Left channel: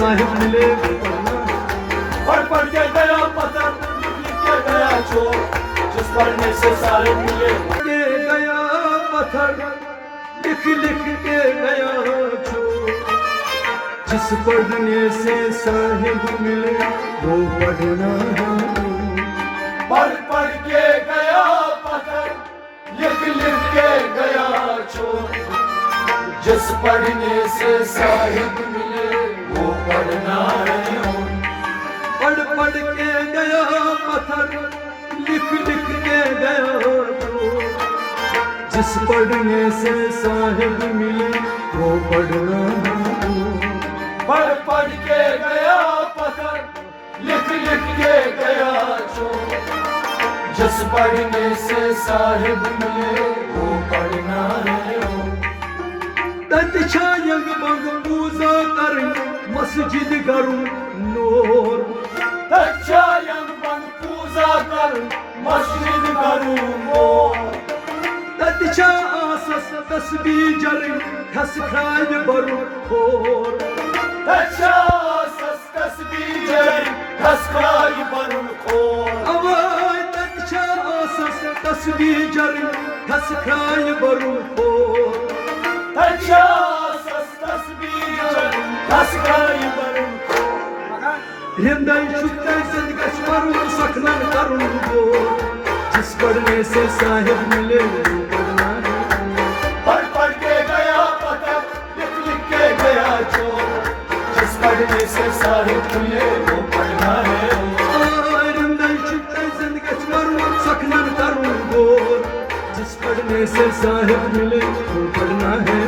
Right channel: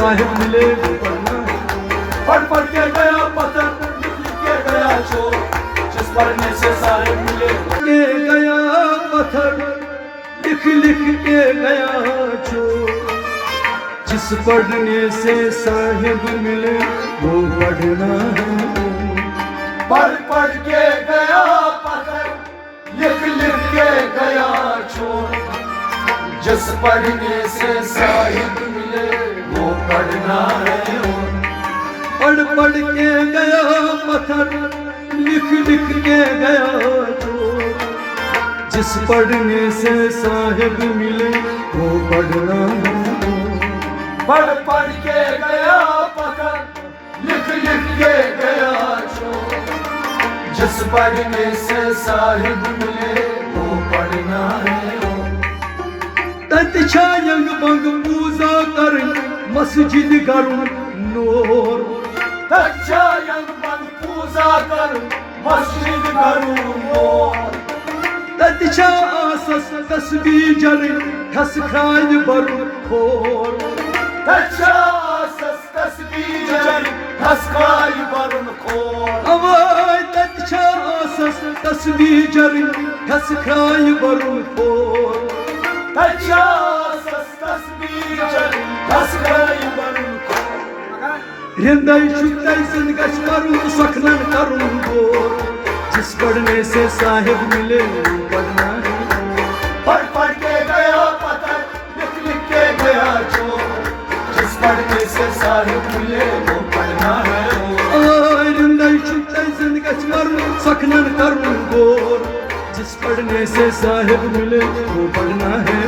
साहिब मिले पढ़ पढ़ के गया पता, लिख लिख के गया चोर, जिस पढ़ने से साहिब मिले। के गया पत्थर लिख लिख के गया चोर, जिस पढ़ने से साहिब मिले वो पढ़ना है। पढ़ पढ़ के गया पता, लिख लिख के गया चोर, जिस पढ़ने से साहिब मिले वो पढ़ना है। पढ़ पढ़ के गया पत्थर लिख लिख के गया चोर, जिस पढ़ने से साहिब मिले वो पढ़ना है। पढ़ पढ़ के गया पता, लिख लिख के गया चोर, जिस पढ़ने से साहिब मिले वो पढ़ना है। तति छायंग बंग पूजा करन मस्जिद करुन नूर, अच्छा यंग बंग पूजा कर मस्जिद करूं मोर। तति छा आसस तस्बीह जरिन खस खाय बरुन खोर। अच्छा सस तस्बीह जरी हसकाई बरुन खोर। अवाय तति छा आसस तस्बीह जरिन खस खाय बरुन खोर। अच्छा सस तस्बीह जरी हसकाई बरुन खोर। रिंदाई छुट्टाई सिंध गछ बरुन सखनन करुन गोर, जिस पढ़ने से साहिब मिले वो पढ़ना है। पढ़ पढ़ के गया पता, लिख लिख के गया चोर, जिस पढ़ने से साहिब मिले वो पढ़ना है। रिंदाई छुट्टाई सिंध गछ बरुन सखनन करुन गोर, जिस पढ़ने से साहिब मिले वो पढ़ना है।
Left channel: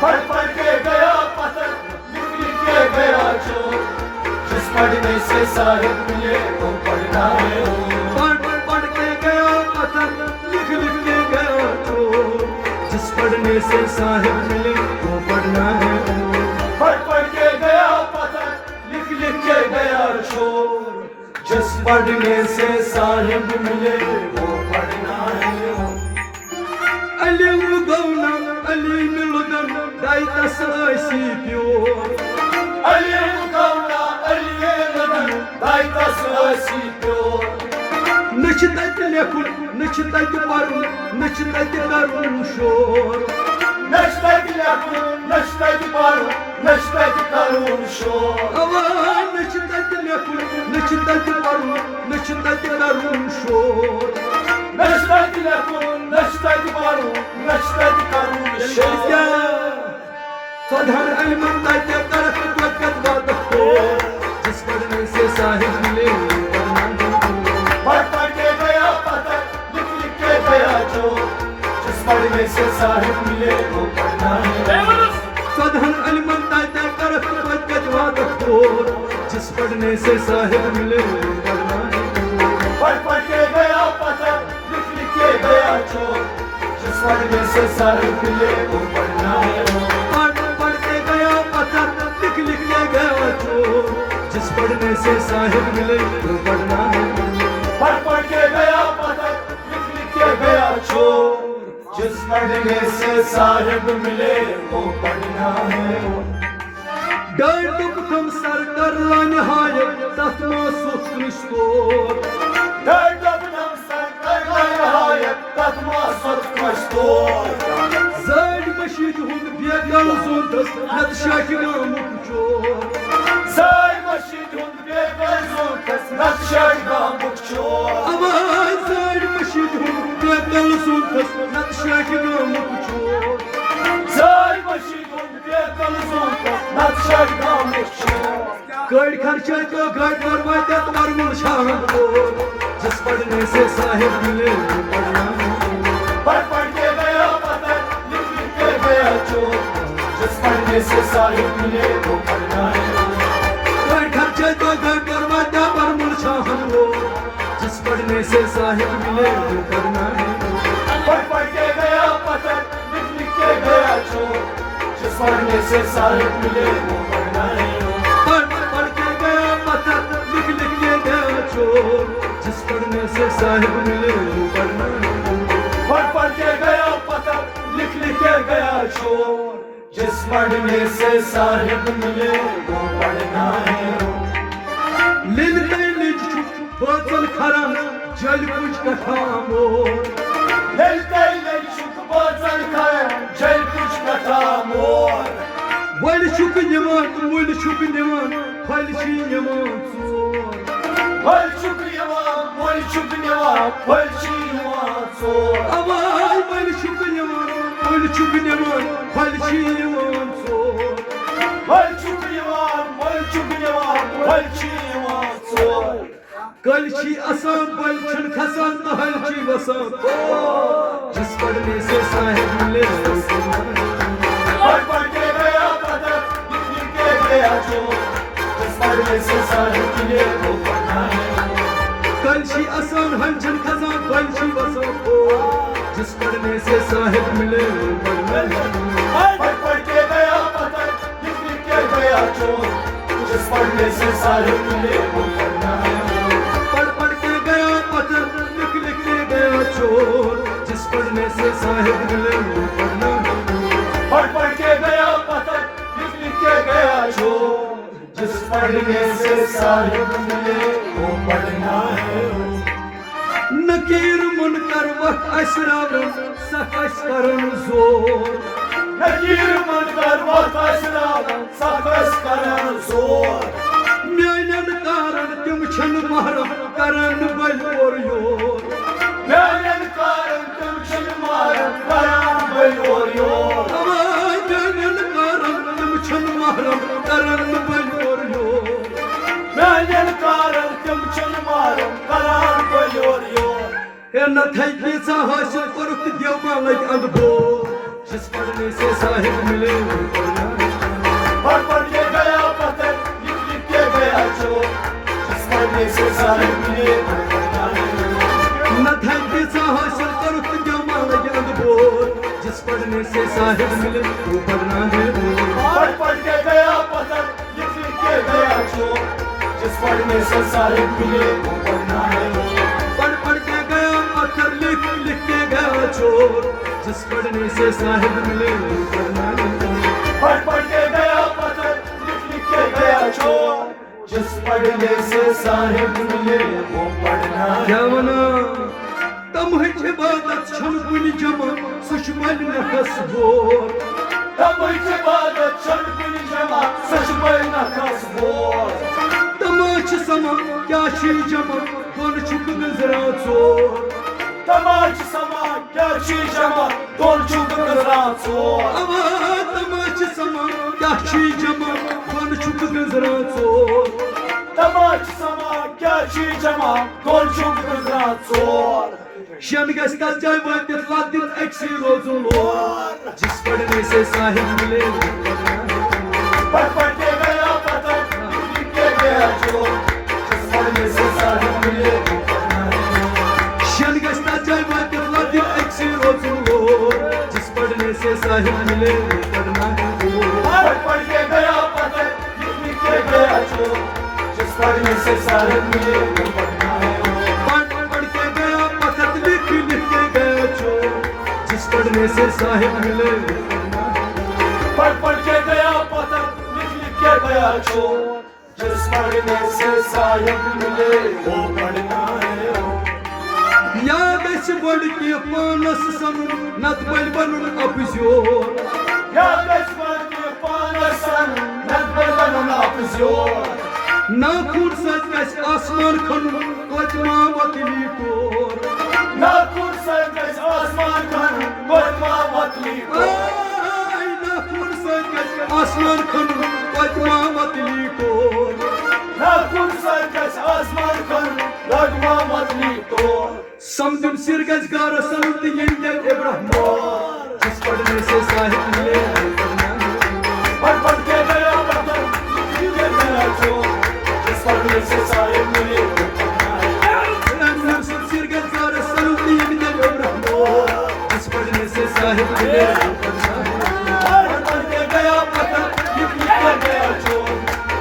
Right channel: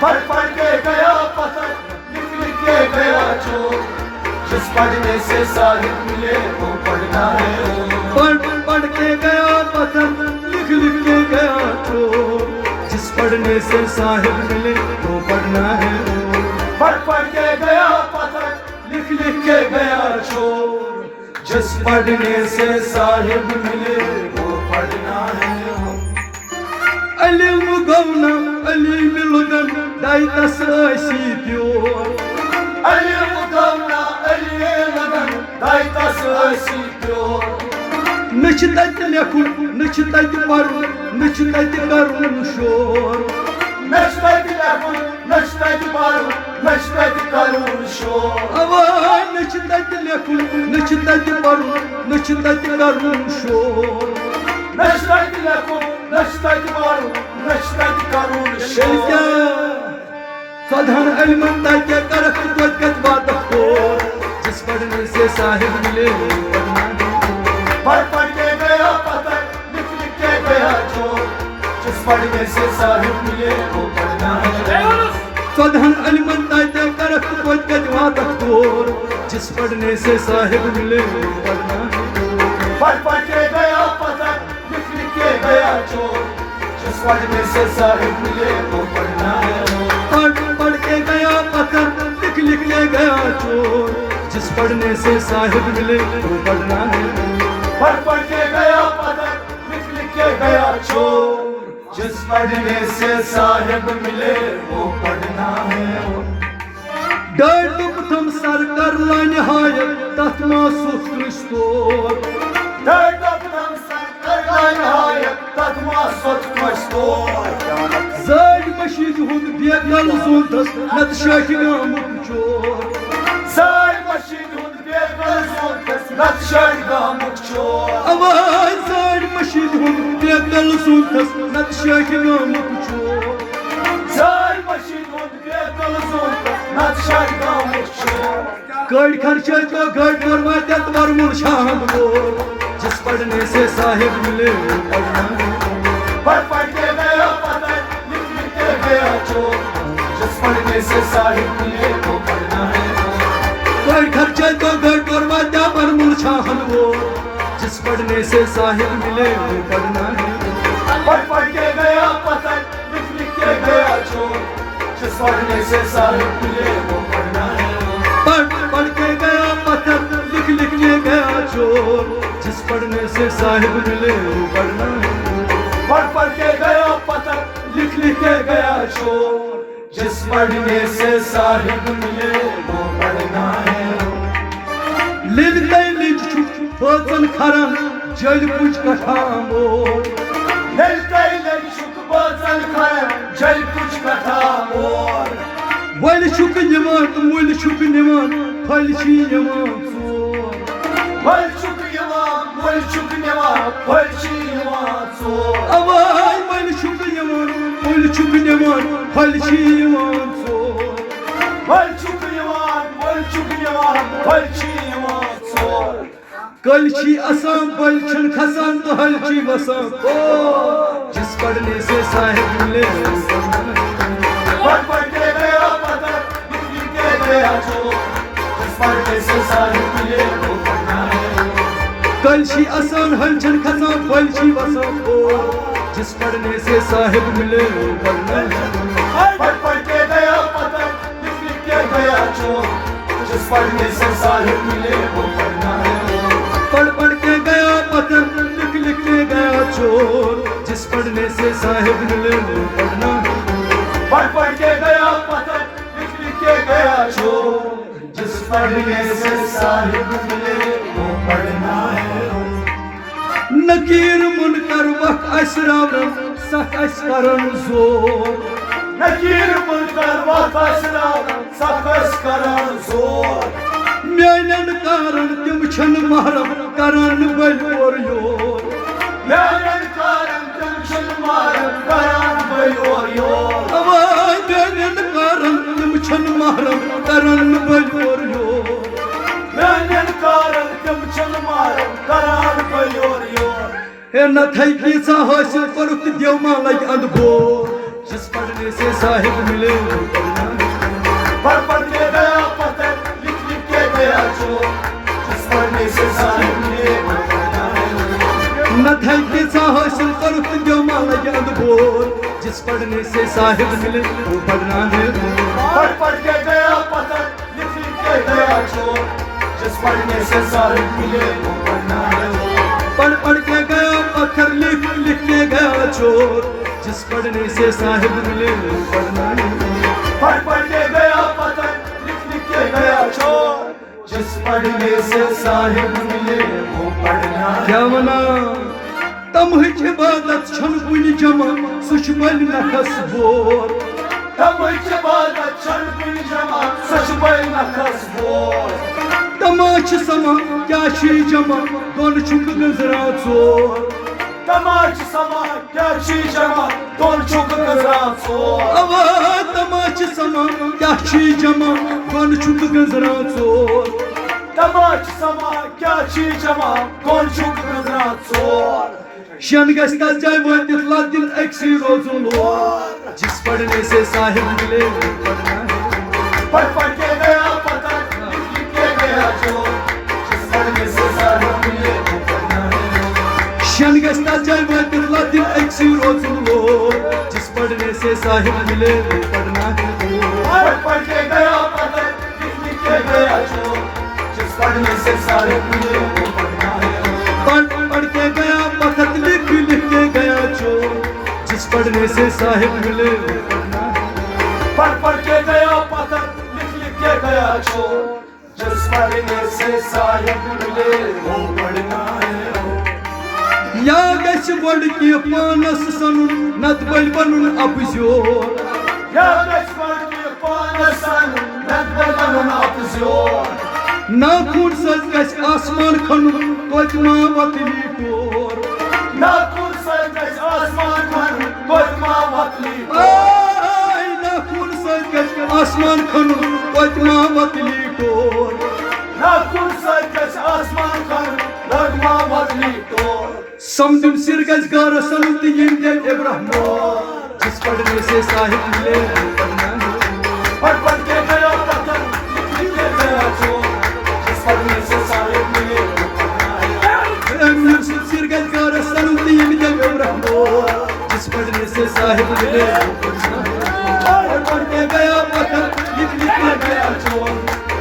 पढ़ पढ़ के गया पता, लिख लिख के गया चोर, जिस पढ़ने से साहिब मिले वो पढ़ना है। पढ़ पढ़ के गया पत्थर लिख लिख के गया चोर, जिस पढ़ने से साहिब मिले वो पढ़ना है। पढ़ पढ़ के गया पता, लिख लिख के गया चोर, जिस पढ़ने से साहिब मिले वो पढ़ना है। अली मुगौना अली मिलुदन दाइतस ऐसी प्योर, अली मुगौना अली लगन दाइतस ऐसी प्योर। नच तत लेखुन नच तत पढ़ुन नच तत करुन शोर। नचतत लेखुन नचतत पढ़ुन नचतत करुन शोर। अवाय नच तत लेखुन नच तत पढ़ुन नच तत करुन शोर। नचतत लेखुन नचतत पढ़ुन नचतत करुन शोर। सधन अलमन ताके करत वक्त बात खोर, जिस पढ़ने से साहिब मिले वो पढ़ना है। पढ़ पढ़ के गया पता, लिख लिख के गया चोर, जिस पढ़ने से साहिब मिले वो पढ़ना है। सधन अलमन ताके करत वक्त बात खोर, जिस पढ़ने से साहिब मिले वो पढ़ना है। पढ़ पढ़ के गया पता, लिख लिख के गया चोर, जिस पढ़ने से साहिब मिले वो पढ़ना है। पढ़ पढ़ के गया पत्थर लिख लिख के गया चोर, जिस पढ़ने से साहिब मिले वो पढ़ना है। पढ़ पढ़ के गया पता, लिख लिख के गया चोर, जिस पढ़ने से साहिब मिले वो पढ़ना है। डर तुम सर कर लाने हाय तथ मासुख क्रिस्तोर। दम सर कर लायक तत्मा सत मस्तोर। जाग मशीद हुंद बेगल सूतस नत शाख गामुक चोर। साय मशीद हुंद बेगल सूतस नत शाख गामुक चोर। अवाय जाग मशीद हुंद बेगल सूतस नत शाख गामुक चोर। साय मशीद हुंद बेगल सूतस नत शाख गामुक चोर। गढ़ खर्चा का गढ़ करवा तक मरमुर शाहद बोल, जिस पढ़ने से साहिब मिले वो पढ़ना है। पढ़ पढ़ के गया पता, लिख लिख के गया चोर, जिस पढ़ने से साहिब मिले वो पढ़ना है। गढ़ खर्चा का गढ़ करवा तक मरमुर शाहद बोल, जिस पढ़ने से साहिब मिले वो पढ़ना है। पढ़ पढ़ के गया पता, लिख लिख के गया चोर, जिस पढ़ने से साहिब मिले वो पढ़ना है। पढ़ पढ़ के गया पत्थर लिख लिख के गया चोर, जिस पढ़ने से साहिब मिले वो पढ़ना है। पढ़ पढ़ के गया पता, लिख लिख के गया चोर, जिस पढ़ने से साहिब मिले वो पढ़ना जल कुछ कथा मोर Meltei lechuk bozan kaya Jai kuch katha mor Vay şuk yaman, vay şuk yaman, falşi yaman sor. Valchuk yaman, valchuk yaman, valchi yaman sor Avay vay şuk yaman, vay şuk yaman, falşi yaman sor. Valchuk yaman, valchuk yaman, valchi yaman sor कलची आसान बलचन खसान तो हलची वसान जिस पढ़ने से साहिब मिले पढ़ पढ़ के गया पता लिख लिख के गया जो जिस पढ़ने से साहिब मिले वो पढ़ना है कलची आसान हलचन खसान बलची वसान जिस पढ़ने से साहिब मिले वो पढ़ना है पढ़ पढ़ के गया पता लिख लिख के गया जो जिस पढ़ने से साहिब मिले वो पढ़ना है पढ़ पढ़ के गया पत्थर लिख लिख के गया चोर जिस पढ़ने से साहिब मिले वो पढ़ना पढ़ पढ़ के गया पता लिख लिख के गया जो जिस पढ़ने से साहिब मिले वो पढ़ना है नकीर मुनकर वक्त असरावन सख असकरन जोर नकीर मुनकर वक्त असरावन सख असकरन जोर میانن کارن تم چھن محرم کرن ول اور یور میانن کارن تم چھن محرم کرن ول اور یور میانن کارن تم چھن محرم کرن ول اور یور میانن کارن تم چھن محرم کرن ول اور یور ہے نہ تھئی کیسا حاصل کرت دیو ماں لگ اندبور جس پڑھنے سے صاحب ملے پڑھ پڑھ کے گیا پتہ گیا جو جس پڑھنے سے صاحب ملے وہ پڑھنا ہے نہ تھئی کیسا حاصل کرت دیو ماں لگ اندبور جس پڑھنے سے صاحب ملے وہ پڑھنا ہے پڑھ پڑھ کے گیا پتہ لکھ لکھ کے گیا جو جس پڑھنے سے صاحب ملے وہ پڑھنا ہے پڑھ پڑھ کے گیا پتھر لکھ لکھ کے گیا چور جس پڑھنے سے صاحب ملے وہ پڑھنا ہے پڑھ پڑھ کے گیا پتھر لکھ لکھ کے گیا چور جس پڑھنے سے صاحب ملے وہ پڑھنا ہے کیا ونا تمہچ عبادت چھن کنی جمع سچ بل نکھس بور تمہچ عبادت چھن کنی جمع سچ بل نکھس بور تماچ سما کیا چھی جمع دون چھک گزرا ژور تماچ سما کیا چھی جمع دون چھک گزرا ژور اوا تماچ سما کیا چھی جمع دون چھک گزرا ژور تماچ سما کیا چھی جمع دون چھک گزرا ژور شن گژھِ تتھ جایہِ وٲتِتھ لدِن أکسٕے روزُن اور جس پڑھنے سے صاحب ملے وہ پڑھنا ہے پڑھ پڑھ کے گیا پتہ لکھ لکھ کے گیا جو جس پڑھنے سے صاحب ملے وہ پڑھنا ہے شن گژھِ تتھ جایہِ وٲتِتھ لدِن أکسٕے روزُن اور جس پڑھنے سے صاحب ملے وہ پڑھنا ہے پڑھ پڑھ کے گیا پتہ لکھ لکھ کے گیا جو جس پڑھنے سے صاحب ملے وہ پڑھنا ہے پڑھ پڑھ کے گیا پتھر لکھ لکھ کے گیا چور جس پڑھنے سے صاحب ملے وہ پڑھنا ہے پڑھ پڑھ کے گیا پتہ لکھ لکھ کے گیا جو جس پڑھنے سے صاحب ملے وہ پڑھنا ہے یا گژھِ گۄڈٕ کہِ پانس سنُن نتہٕ بلہِ بنُن اپزیور یا گژھِ گۄڈٕ کہِ پانس سنُن نتہٕ بلہِ بنُن اپزیور ناخون سۭتۍ گژھِ آسمان کھنُن توتہِ ما وتلی ٹور ناخون سۭتۍ گژھِ آسمان کھنُن توتہِ ما وتلی ناخون سۭتۍ گژھِ آسمان کھنُن توتہِ ما وتلی ٹور ناخون سۭتۍ گژھِ آسمان کھنُن توتہِ ما وتلی ٹور سمدُن سِر گژھِ گارس سنُن تہٕ یِم دِل ابراہم جس پڑھنے سے صاحب ملے وہ پڑھنا ہے پڑھ پڑھ کے گیا پتھر لکھ لکھ کے گیا چور جس پڑھنے سے صاحب ملے وہ پڑھنا ہے سر گژھِ گارس سنُن تہٕ یِم دِل ابراہم جس پڑھنے سے صاحب ملے وہ پڑھنا ہے پڑھ پڑھ کے گیا پتھر لکھ لکھ کے گیا چور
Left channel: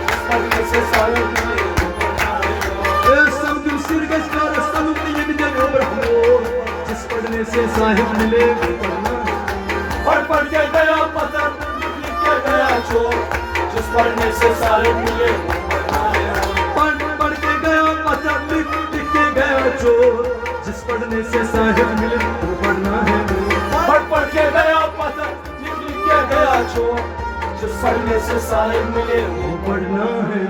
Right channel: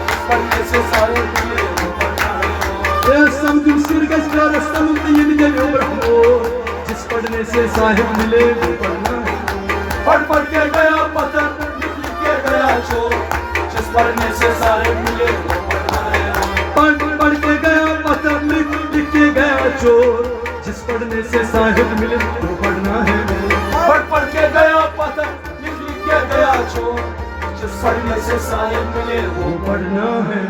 جس پڑھنے سے صاحب ملے وہ پڑھنا ہے سمدُن سر گژھِ گارس سنُن تہٕ یِم دِل ابراہم جس پڑھنے سے صاحب ملے وہ پڑھنا ہے پڑھ پڑھ کے گیا پتھر لکھ لکھ کے گیا چور جس پڑھنے سے صاحب ملے وہ پڑھنا ہے پڑھ پڑھ کے گیا پتھر لکھ لکھ کے گیا چور جس پڑھنے سے صاحب ملے وہ پڑھنا ہے پڑھ کے گیا پتھر لکھ کے گیا چور جس پڑھنے سے صاحب ملے وہ پڑھنا ہے